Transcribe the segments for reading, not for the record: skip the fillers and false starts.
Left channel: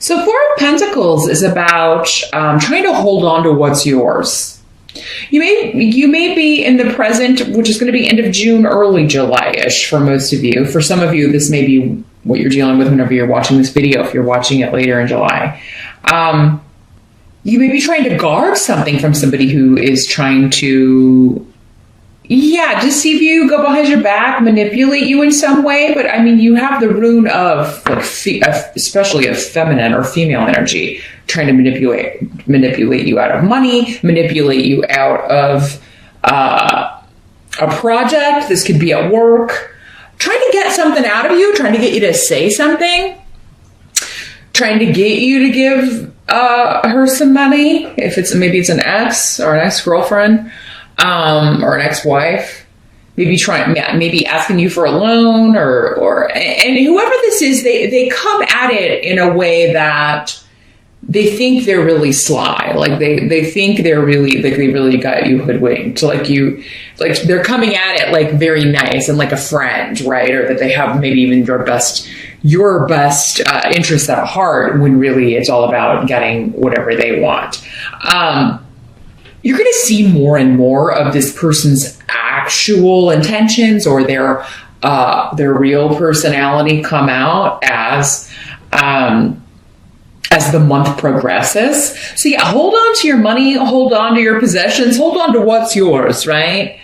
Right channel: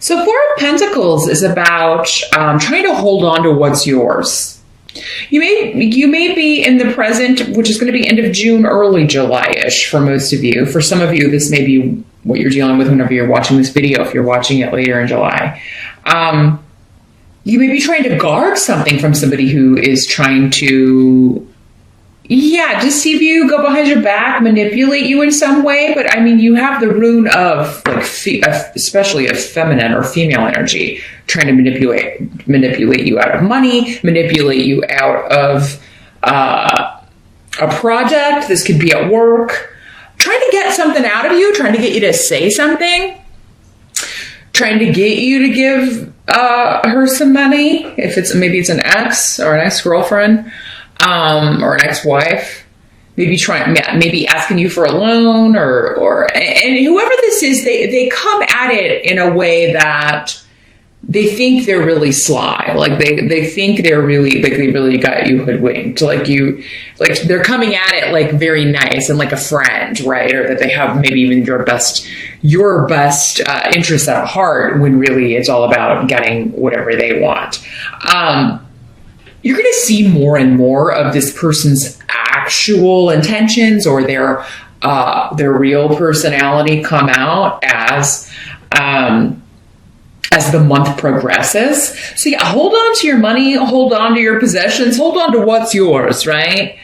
So Four of Pentacles is about trying to hold on to what's yours. You may be in the present, which is going to be end of June, early July-ish for most of you. For some of you, this may be what you're dealing with whenever you're watching this video, if you're watching it later in July. You may be trying to guard something from somebody who is trying to, deceive you, go behind your back, manipulate you in some way. But I mean, you have the rune of, like, especially of feminine or female energy, trying to manipulate you out of money, manipulate you out of a project. This could be at work, trying to get something out of you, trying to get you to say something, trying to get you to give her some money. If maybe it's an ex or an ex-girlfriend, or an ex-wife, maybe asking you for a loan and whoever this is, they come at it in a way that they think they're really sly. Like they think they really got you hoodwinked. Like they're coming at it like very nice and like a friend, right? Or that they have maybe even your best interests at heart, when really it's all about getting whatever they want. You're going to see more and more of this person's actual intentions or their real personality come out as the month progresses. So hold on to your money, hold on to your possessions, hold on to what's yours, right?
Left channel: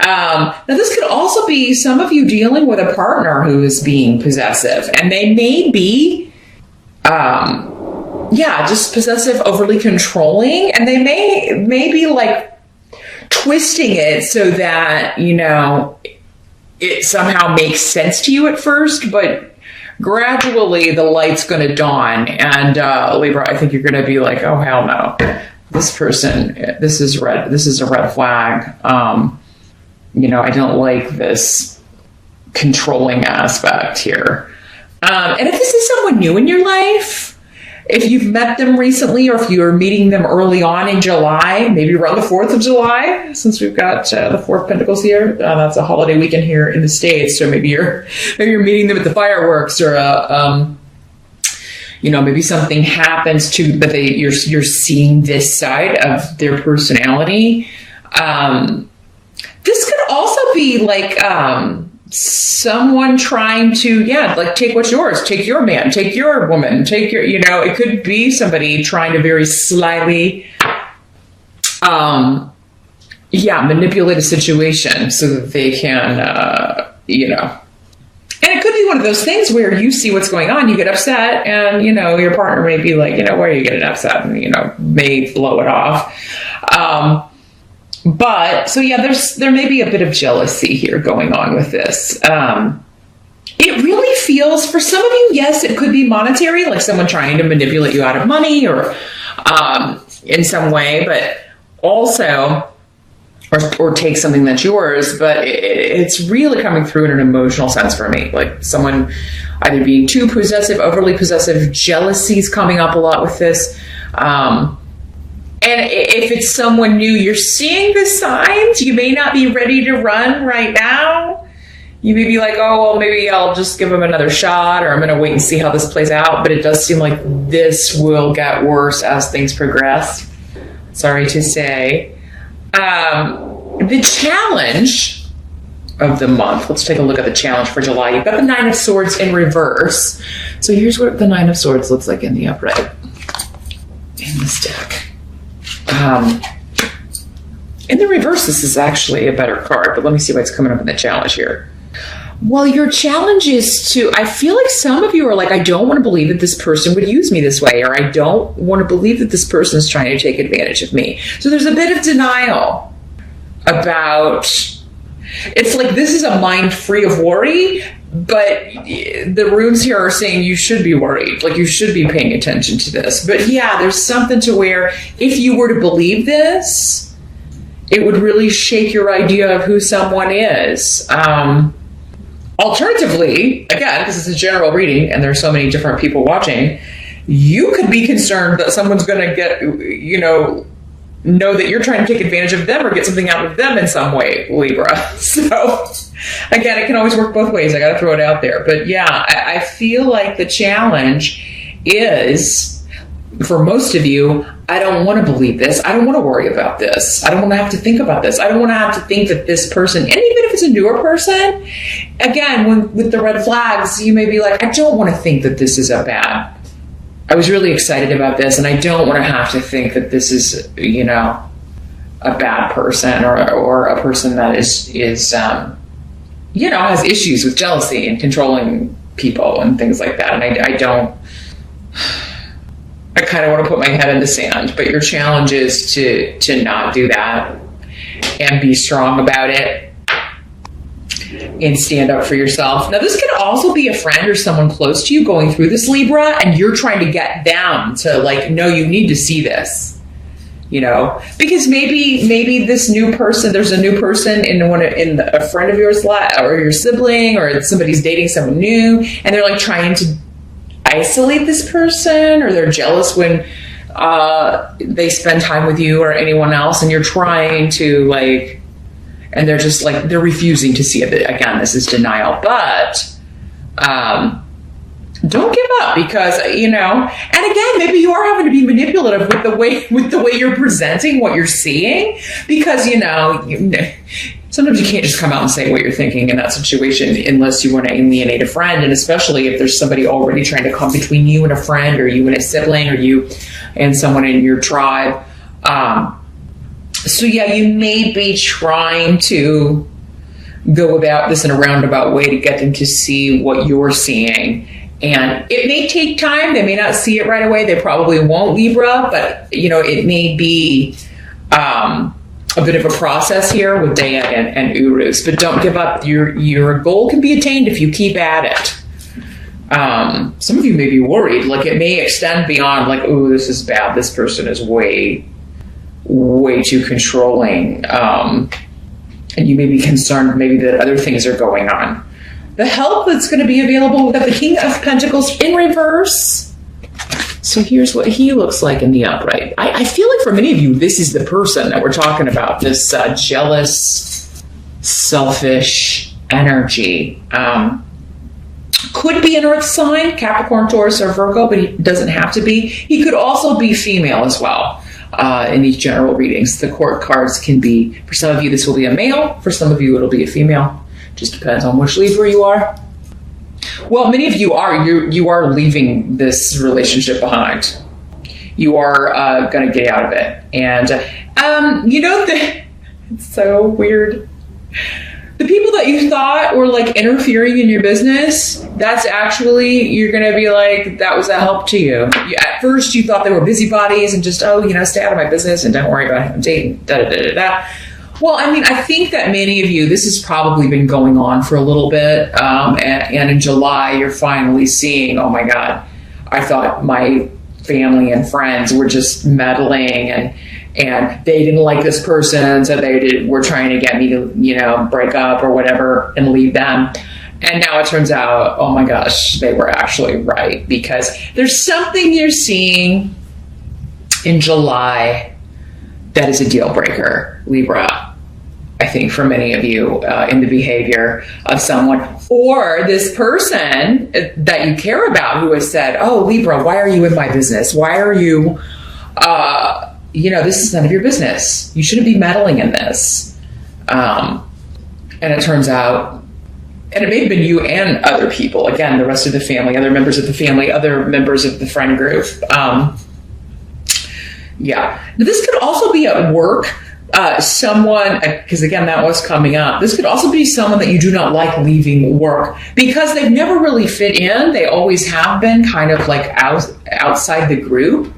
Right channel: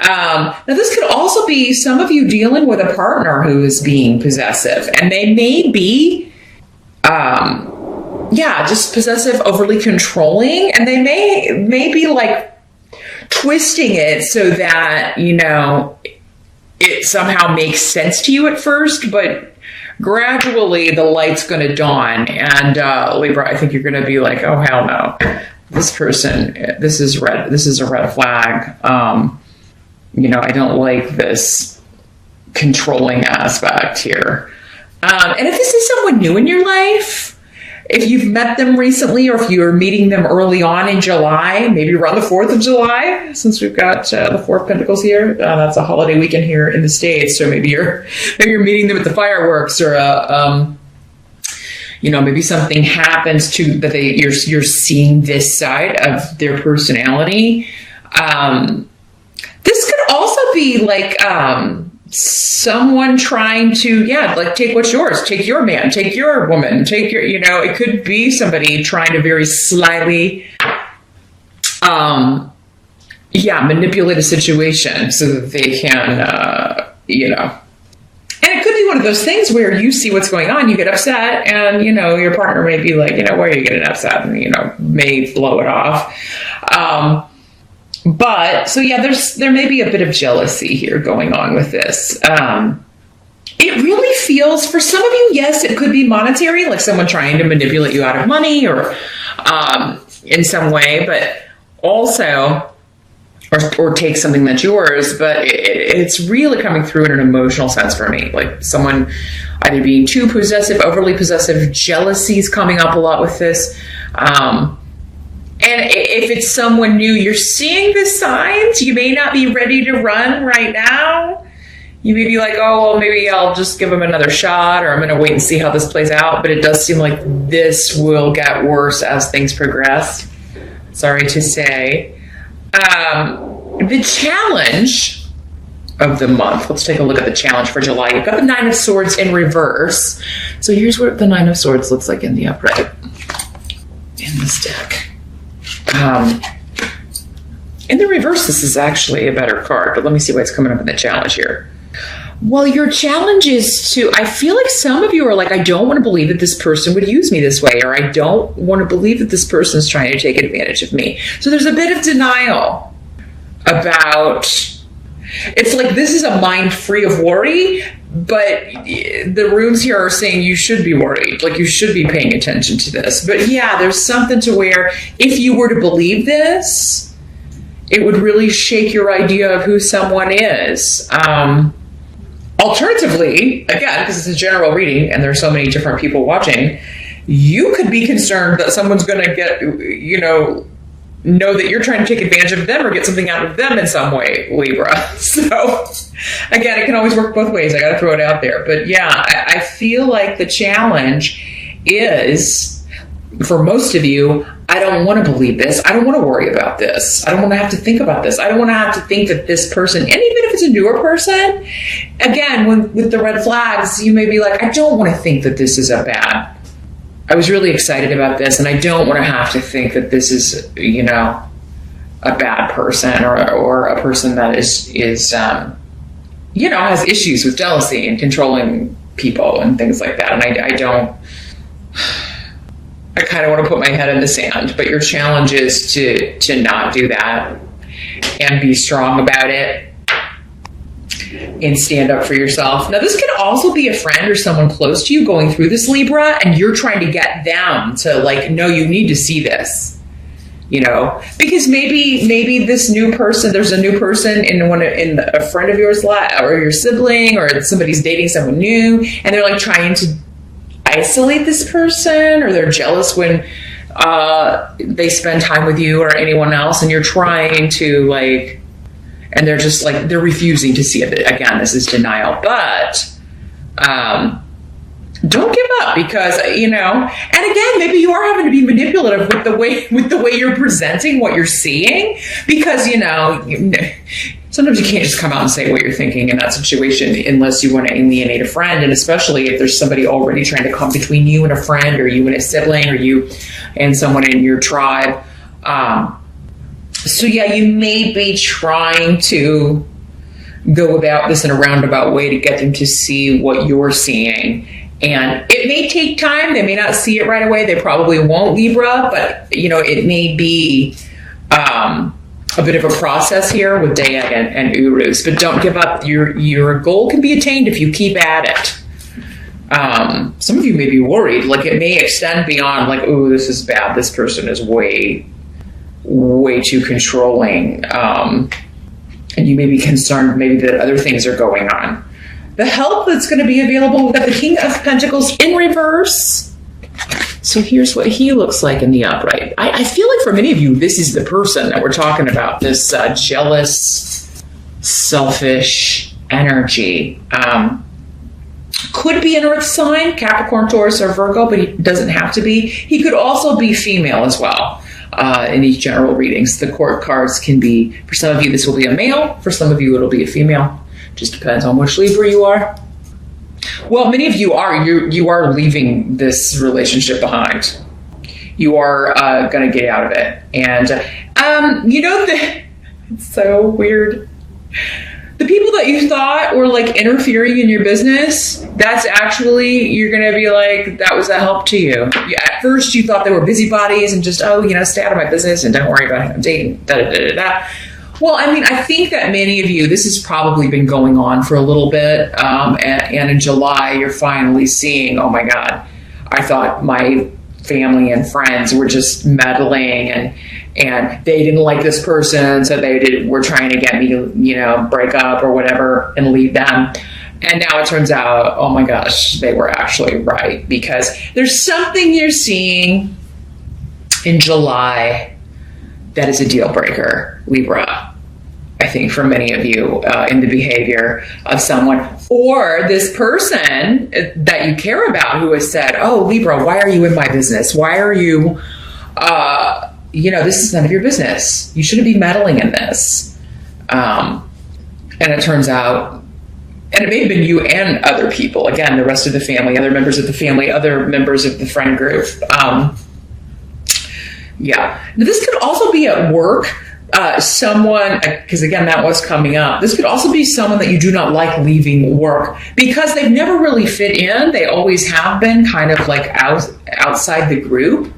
Now this could also be some of you dealing with a partner who is being possessive, and they may be, just possessive, overly controlling, and they may be like twisting it so that, it somehow makes sense to you at first, but gradually the light's going to dawn. And Libra, I think you're going to be like, oh, hell no. This person, this is red. This is a red flag. I don't like this controlling aspect here. And if this is someone new in your life, if you've met them recently, or if you're meeting them early on in July, maybe around the 4th of July, since we've got the Four of Pentacles here, that's a holiday weekend here in the States. So maybe you're meeting them at the fireworks, or maybe something happens but you're seeing this side of their personality. This could also be like someone trying to, take what's yours, take your man, take your woman, take your, it could be somebody trying to very slyly, manipulate a situation so that they can, and it could be one of those things where you see what's going on, you get upset, and, your partner may be like, why are you getting upset? And, may blow it off. But, so there may be a bit of jealousy here going on with this. It really feels, for some of you, yes, it could be monetary, like someone trying to manipulate you out of money or in some way, but also, or take something that's yours, but it's really coming through in an emotional sense for me. Like someone either being too possessive, overly possessive, jealousy's coming up a lot with this. And if it's someone new, you're seeing the signs. You may not be ready to run right now. You may be like, oh, well, maybe I'll just give him another shot, or I'm going to wait and see how this plays out. But it does seem like this will get worse as things progress. Sorry to say. The challenge of the month. Let's take a look at the challenge for July. You've got the Nine of Swords in reverse. So here's what the Nine of Swords looks like in the upright in this deck. In the reverse, this is actually a better card, but let me see what's coming up in the challenge here. Well, your challenge is I feel like some of you are like, I don't want to believe that this person would use me this way, or I don't want to believe that this person is trying to take advantage of me. So there's a bit of denial about, it's like this is a mind free of worry, but the runes here are saying you should be worried, like you should be paying attention to this. But there's something to where if you were to believe this, it would really shake your idea of who someone is. Alternatively, again, because it's a general reading and there's so many different people watching, you could be concerned that someone's going to get, know that you're trying to take advantage of them or get something out of them in some way, Libra. So, again, it can always work both ways. I got to throw it out there. But I feel like the challenge is, for most of you, I don't want to believe this. I don't want to worry about this. I don't want to have to think about this. I don't want to have to think that this person, and even if it's a newer person, again, with the red flags, you may be like, I don't want to think that this is a bad. I was really excited about this, and I don't want to have to think that this is, you know, a bad person or a person that is you know, has issues with jealousy and controlling people and things like that. And I kind of want to put my head in the sand, but your challenge is to not do that and be strong about it and stand up for yourself. Now, this could also be a friend or someone close to you going through this, Libra, and you're trying to get them to like, no, you need to see this. You know, because maybe this new person, there's a new person in a friend of yours or your sibling, or somebody's dating someone new, and they're like trying to isolate this person, or they're jealous when they spend time with you or anyone else, and you're trying to like, and they're just like, they're refusing to see it. Again, this is denial, but don't give up, because, you know, and again, maybe you are having to be manipulative with the way you're presenting what you're seeing, because, you know, sometimes you can't just come out and say what you're thinking in that situation unless you want to alienate a friend, and especially if there's somebody already trying to come between you and a friend, or you and a sibling, or you and someone in your tribe. So yeah, you may be trying to go about this in a roundabout way to get them to see what you're seeing. And it may take time. They may not see it right away. They probably won't, Libra, but, you know, it may be a bit of a process here with Dea and Urus. But don't give up. Your goal can be attained if you keep at it. Some of you may be worried. Like, it may extend beyond, like, oh, this is bad. This person is way too controlling. And you may be concerned maybe that other things are going on. The help that's going to be available with the King of Pentacles in reverse. So here's what he looks like in the upright. I feel like for many of you, this is the person that we're talking about, this jealous, selfish energy. Could be an earth sign, Capricorn, Taurus, or Virgo, but he doesn't have to be. He could also be female as well. In these general readings, the court cards can be, for some of you, this will be a male. For some of you, it'll be a female. Just depends on which Libra you are. Well, many of you are. You are leaving this relationship behind. You are going to get out of it. And, you know, it's so weird. The people that you thought were like interfering in your business, that's actually, you're going to be like, that was a help to you. At first, you thought they were busybodies and just, oh, you know, stay out of my business and don't worry about it. Date, da da da da. Well, I mean, I think that many of you, this has probably been going on for a little bit. And in July, you're finally seeing, oh my God, I thought my family and friends were just meddling and they didn't like this person. So were trying to get me to, you know, break up or whatever and leave them. And now it turns out, oh my gosh, they were actually right, because there's something you're seeing in July that is a deal breaker, Libra. I think for many of you in the behavior of someone or this person that you care about who has said, oh, Libra, why are you in my business? Why are you, you know, this is none of your business. You shouldn't be meddling in this. And it turns out, and it may have been you and other people, again, the rest of the family, other members of the family, other members of the friend group. Yeah. Now, this could also be at work. Someone, because again, that was coming up. This could also be someone that you do not like leaving work because they've never really fit in. They always have been kind of like outside the group.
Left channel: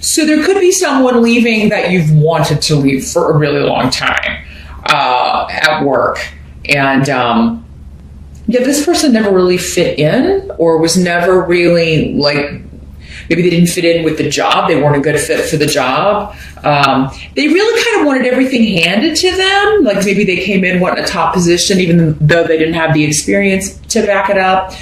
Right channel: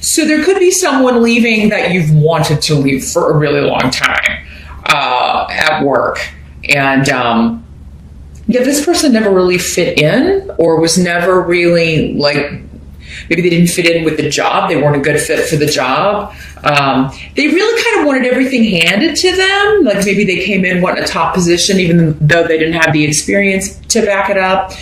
So there could be someone leaving that you've wanted to leave for a really long time at work. And yeah, this person never really fit in or was never really like, maybe they didn't fit in with the job. They weren't a good fit for the job. They really kind of wanted everything handed to them. Like maybe they came in wanting a top position, even though they didn't have the experience to back it up.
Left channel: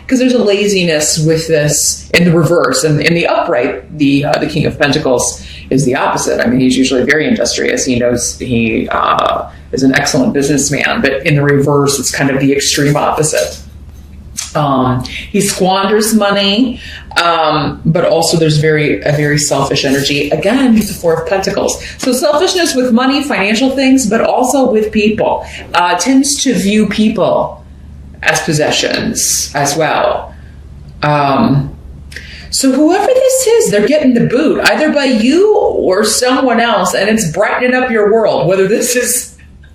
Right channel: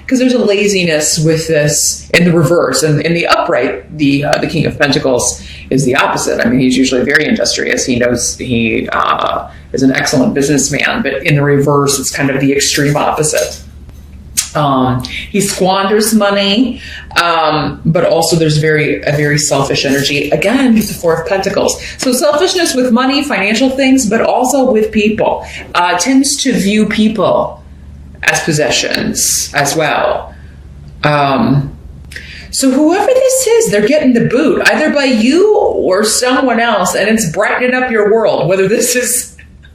Because there's a laziness with this in the reverse. And in the upright, the King of Pentacles is the opposite. I mean, he's usually very industrious. He knows he is an excellent businessman. But in the reverse, it's kind of the extreme opposite. He squanders money, but also there's a very selfish energy. Again, he's the Four of Pentacles. So selfishness with money, financial things, but also with people. Tends to view people as possessions as well. So whoever this is, they're getting the boot, either by you or someone else, and it's brightening up your world, whether this is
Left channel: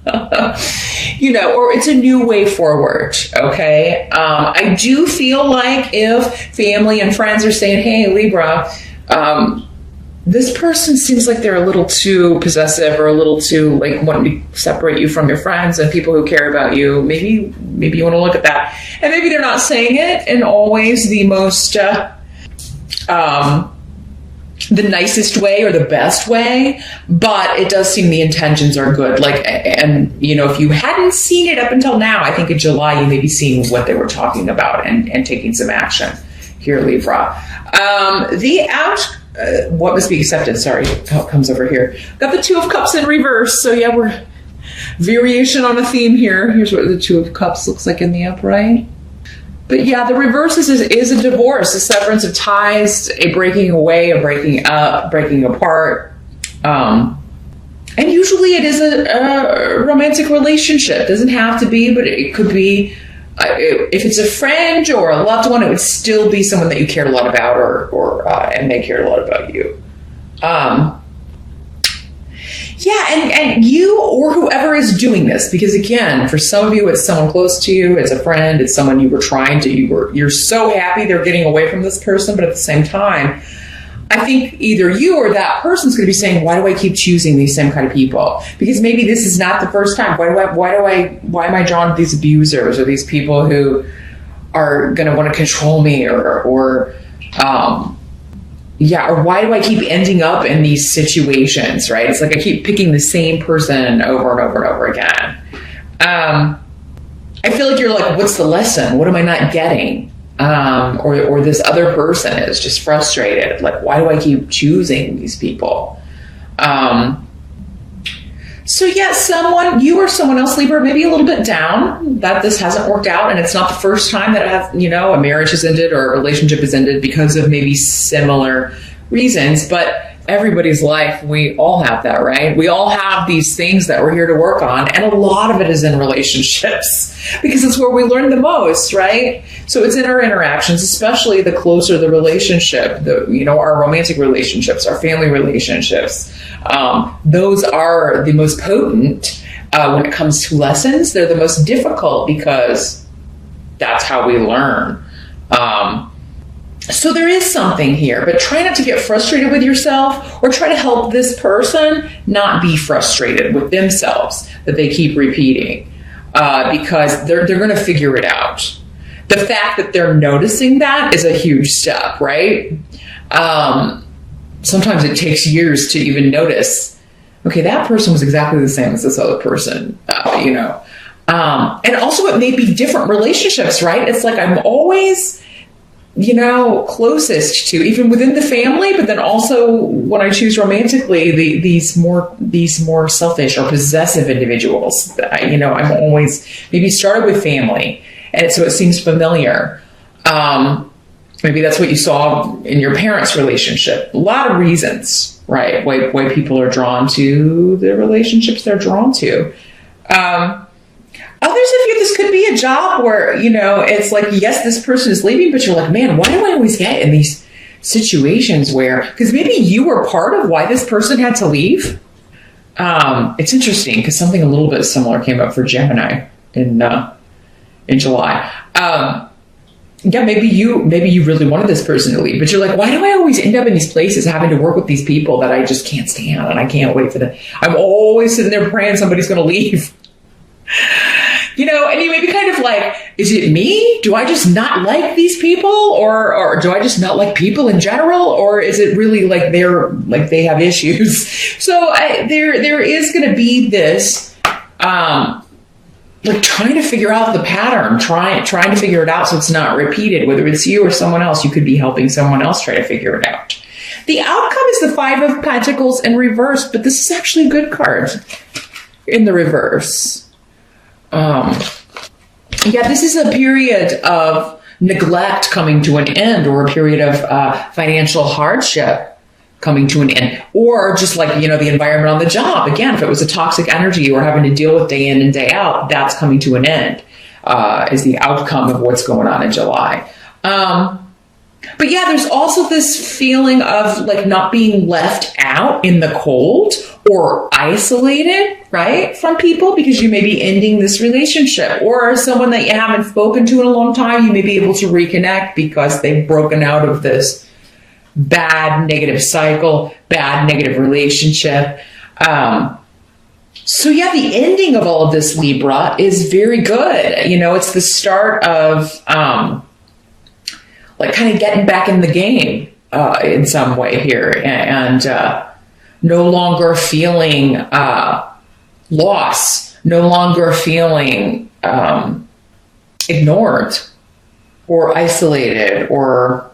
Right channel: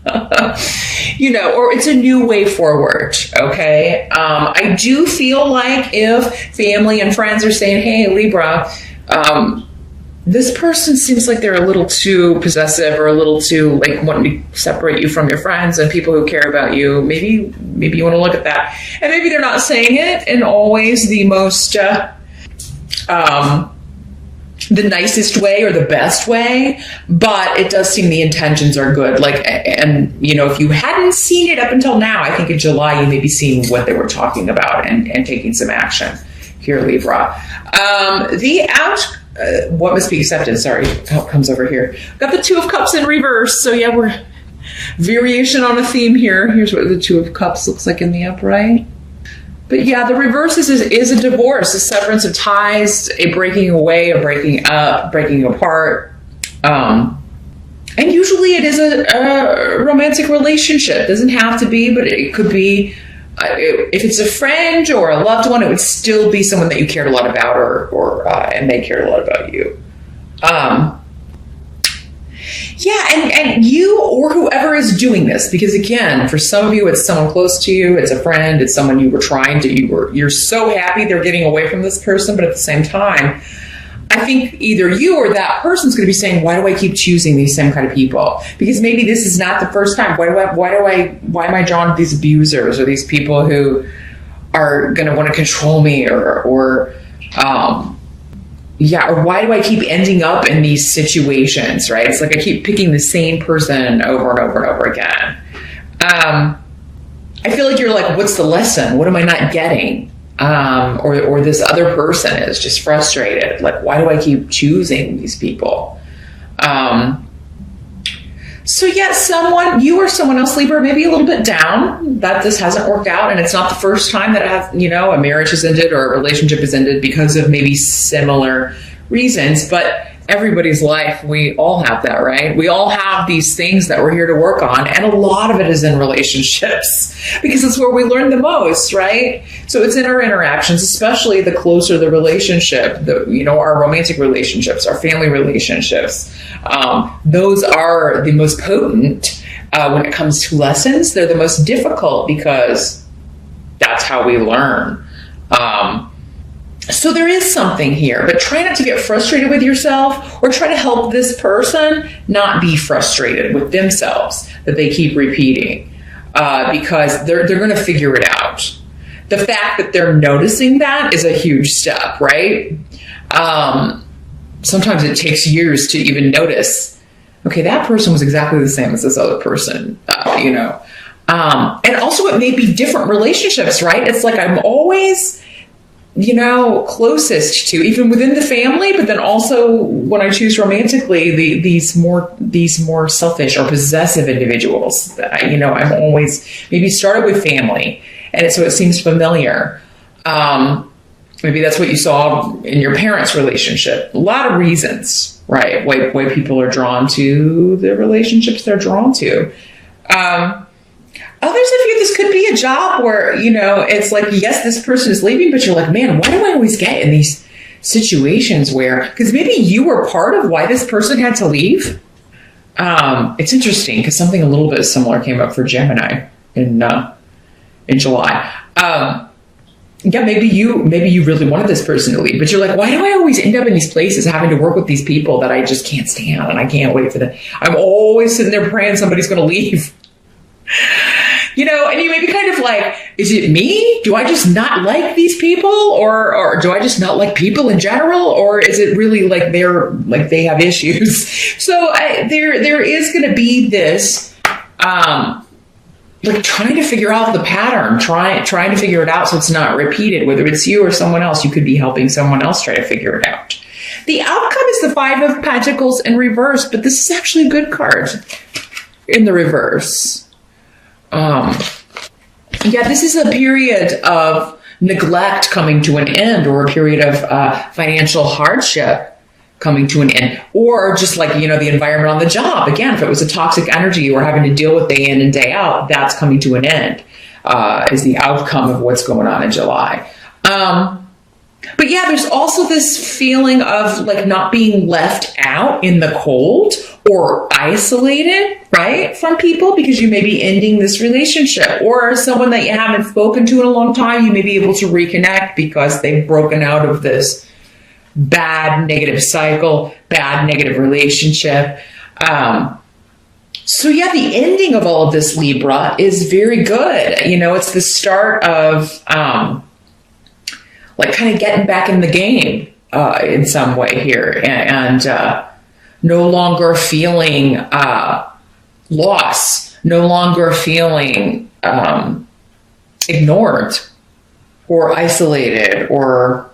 or it's a new way forward, okay? I do feel like if family and friends are saying, hey, Libra, this person seems like they're a little too possessive or a little too, like, wanting to separate you from your friends and people who care about you, maybe you want to look at that. And maybe they're not saying it in always the most... the nicest way or the best way, but it does seem the intentions are good. Like, and if you hadn't seen it up until now, I think in July you may be seeing what they were talking about and taking some action here, Libra. What must be accepted? Sorry, how it comes over here. Got the Two of Cups in reverse. So yeah, we're variation on a theme here. Here's what the Two of Cups looks like in the upright. But yeah, the reverse is a divorce, a severance of ties, a breaking away, a breaking up, breaking apart. And usually it is a romantic relationship. It doesn't have to be, but it could be, if it's a friend or a loved one, it would still be someone that you cared a lot about and they cared a lot about you. Yeah, and you or whoever is doing this, because again, for some of you, it's someone close to you, it's a friend, it's someone you were trying to, you're so happy they're getting away from this person, but at the same time, I think either you or that person's going to be saying, why do I keep choosing these same kind of people? Because maybe this is not the first time. Why am I drawn to these abusers or these people who are going to want to control me or why do I keep ending up in these situations, right? It's like I keep picking the same person over and over and over again. I feel like you're like, what's the lesson? What am I not getting? Or this other person is just frustrated. Like, why do I keep choosing these people? So yeah, you or someone else, Libra, maybe a little bit down that this hasn't worked out, and it's not the first time that a marriage has ended or a relationship has ended because of maybe similar reasons. But everybody's life, we all have that, right? We all have these things that we're here to work on, and a lot of it is in relationships because it's where we learn the most, right? So it's in our interactions, especially the closer the relationship, our romantic relationships, our family relationships. Those are the most potent when it comes to lessons. They're the most difficult because that's how we learn. So there is something here, but try not to get frustrated with yourself or try to help this person not be frustrated with themselves that they keep repeating because they're going to figure it out. The fact that they're noticing that is a huge step, right? Sometimes it takes years to even notice, okay, that person was exactly the same as this other person, and also it may be different relationships, right? It's like I'm always, closest to, even within the family, but then also when I choose romantically, these more selfish or possessive individuals, I'm always maybe started with family, and so it seems familiar. Maybe that's what you saw in your parents' relationship. A lot of reasons, right? Why people are drawn to the relationships they're drawn to. Others of you, this could be a job where, it's like, yes, this person is leaving, but you're like, man, why do I always get in these situations where, because maybe you were part of why this person had to leave. It's interesting because something a little bit similar came up for Gemini in July. Maybe you really wanted this person to leave, but you're like, why do I always end up in these places having to work with these people that I just can't stand and I can't wait for them? I'm always sitting there praying somebody's going to leave. And you may be kind of like, is it me? Do I just not like these people? Or do I just not like people in general? Or is it really like they have issues? So there is going to be this, like trying to figure out the pattern, trying to figure it out so it's not repeated. Whether it's you or someone else, you could be helping someone else try to figure it out. The outcome is the Five of Pentacles in reverse, but this is actually a good card in the reverse. This is a period of neglect coming to an end, or a period of financial hardship coming to an end, or just like, the environment on the job. Again, if it was a toxic energy you were having to deal with day in and day out, that's coming to an end, is the outcome of what's going on in July. But yeah, there's also this feeling of like not being left out in the cold or isolated, right, from people, because you may be ending this relationship, or someone that you haven't spoken to in a long time, you may be able to reconnect because they've broken out of this bad negative cycle, bad negative relationship. So yeah, the ending of all of this, Libra, is very good. It's the start of like kind of getting back in the game in some way here, and no longer feeling lost, no longer feeling ignored or isolated, or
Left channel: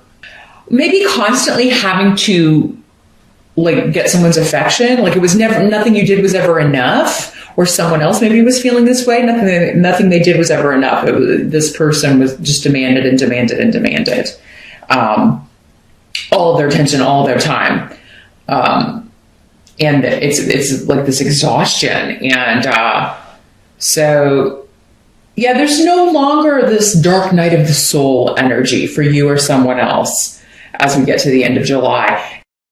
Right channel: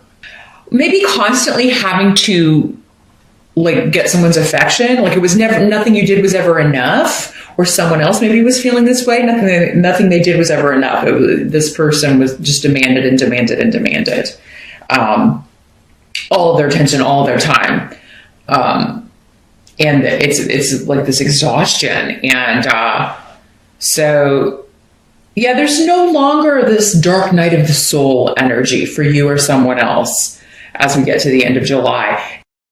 maybe constantly having to like get someone's affection. Like it was never, nothing you did was ever enough, or someone else maybe was feeling this way. Nothing they did was ever enough. This person was just demanded and demanded and demanded all of their attention, all of their time. And it's like this exhaustion. And so, yeah, there's no longer this dark night of the soul energy for you or someone else as we get to the end of July.